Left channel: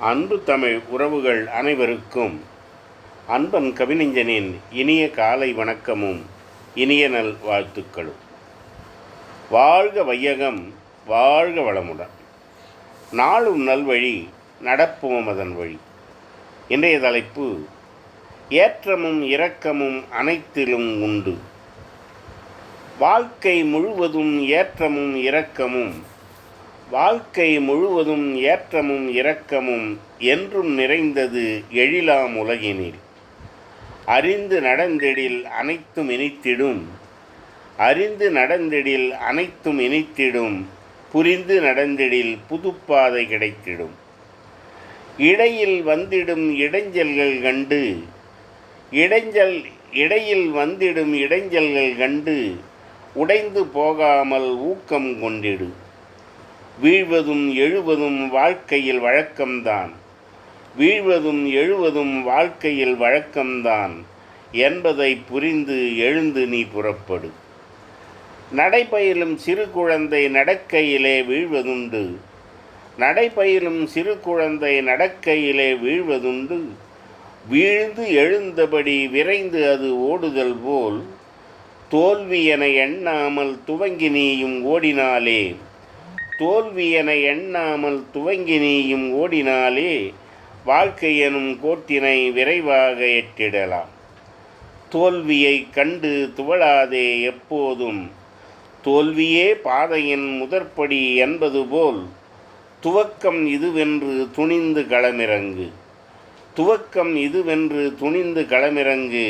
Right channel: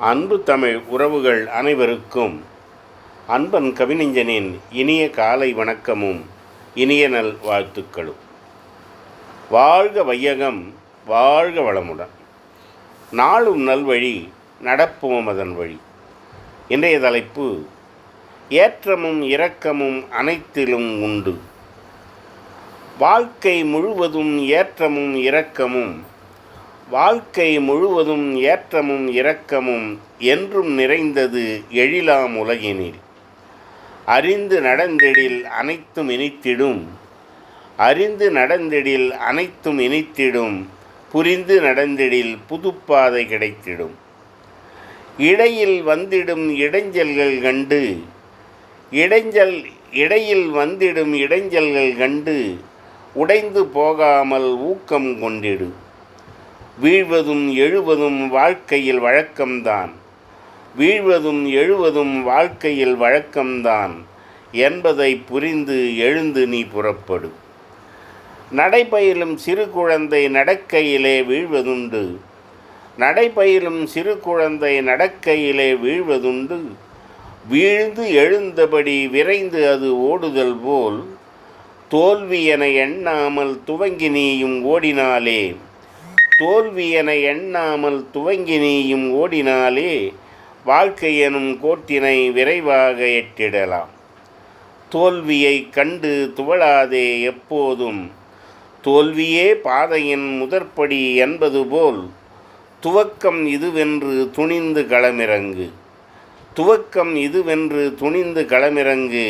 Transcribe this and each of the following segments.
அன்பு தமிழ் உறவுகள் அனைவருக்கும் அன்பன் கவிஞனின் இனிய காலை வணக்கமும் இனிய நல் வாழ்த்துக்களும். வாழ்க வையகம் வாழ்க வளமுடன். நாளும் நல்வழி நடப்போம் அதன் வழி. இன்றைய தலைப்பு ஏற்றமும் இரக்கமும் அனைத்திலும் உண்டு. வாழ்க்கை முழுவதும் ஏற்றமும் இரக்கமும் வாழ்க்கை முழுவதும் ஏற்றமும் இரக்கமும் என்றும் நிறைந்தது எழிலாம் உலகினில். அறிந்து நடந்திடில் அனைத்தும் இனித்திடும். அறிந்து நடந்திடில் அனைத்தும் இனித்திடும். புரிந்து நடந்திடில் புதுப்பாதை கிடைத்திடும். இடையில் வந்திடும் இடைஞ்சல்கள் கண்டு. இடைஞ்சல் இடையில் வந்திடும் இடைஞ்சல்கள் கண்டு. உடைந்து போகாமல் ஊக்கம் கொண்டிடும் வீழ்வதும் எழுவதும் வாழ்க்கையில் வழக்கம்தான். வீழ்வதும் எழுவதும் வாழ்க்கையில் வழக்கம்தான். என்பதை புரிந்து எழுந்து நீ புறப்படு. நடைபயிலும் சிறு குழந்தை நடக்கையிலே வீழ்வதுண்டு. நடைபயிலும் சிறு குழந்தை நடக்கையிலே வீழ்வதுண்டு. வீழ்ந்து எழுந்தபடி விரைந்து அது ஓடுதல் போல் தோல்வி என எண்ணாமல் துவங்கி நீயும் ஓடினாலே. தோல்வி என எண்ணாமல் துவங்கி நீயும் ஓடினாலே வாழ்க்கை எனும் கோட்டினை விரைவாக எட்டிடலாம். தோல்வியை கண்டு துவளாதே எப்போதும். தோல்வியே பாதையின் முதற்படி என்பது போல் துவக்கம் இதுவென்று துணிந்து களமிறங்கு. துவக்கம் இதுவென்று துணிந்து களமிறங்கு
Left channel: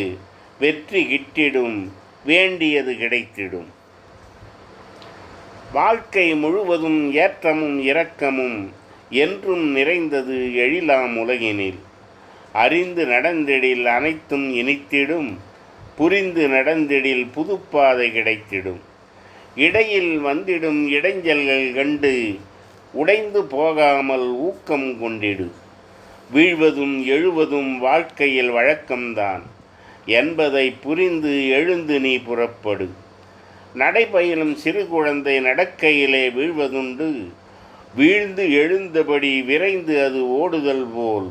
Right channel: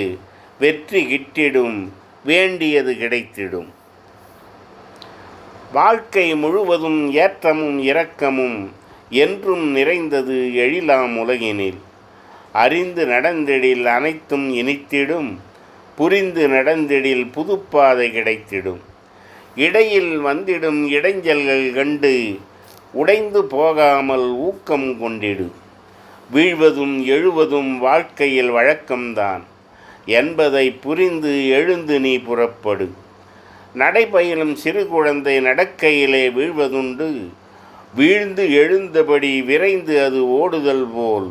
வெற்றி கிட்டிடும் வேண்டியது கிடைத்திடும். வாழ்க்கை முழுவதும் ஏற்றமும் இரக்கமும் என்றும் நிறைந்தது எழிலாம் உலகினில். அறிந்து நடந்திடில் அனைத்தும் இனித்திடும் புரிந்து நடந்திடில் புதுப்பாதை கிடைத்திடும். இடையில் வந்திடும் இடைஞ்சல்கள் கண்டு உடைந்து போகாமல் ஊக்கம் கொண்டிடு. வீழ்வதும் எழுவதும் வாழ்க்கையில் வழக்கம்தான். என்பதை புரிந்து எழுந்து நீ புறப்படு. நடைபயிலும் சிறு குழந்தை நடக்கையிலே வீழ்வதுண்டு. வீழ்ந்து எழுந்தபடி விரைந்து அது ஓடுதல் போல்.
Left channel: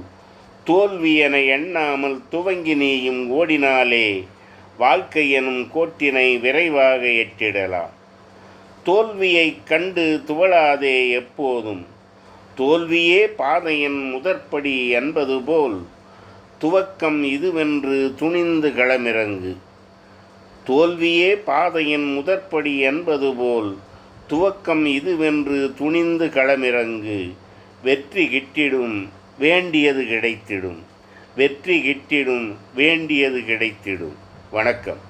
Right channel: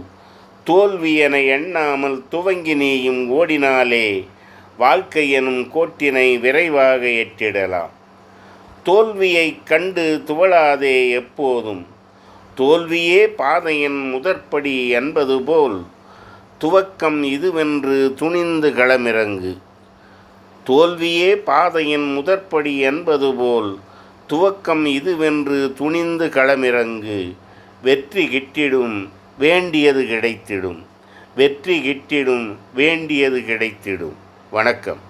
தோல்வி என எண்ணாமல் துவங்கி நீயும் ஓடினாலே வாழ்க்கை எனும் கோட்டினை விரைவாக எட்டிடலாம் தோல்வியை கண்டு துவளாதே எப்போதும். தோல்வியே பாதையின் முதற்படி என்பது போல். துவக்கம் இதுவென்று துணிந்து களமிறங்கு. தோல்வியே பாதையின் முதற்படி என்பது போல் துவக்கம் இதுவென்று துணிந்து களமிறங்கு. வெற்றி கிட்டிடும் வேண்டியது கிடைத்திடும். வெற்றி கிட்டிடும் வேண்டியது கிடைத்திடும். வணக்கம்.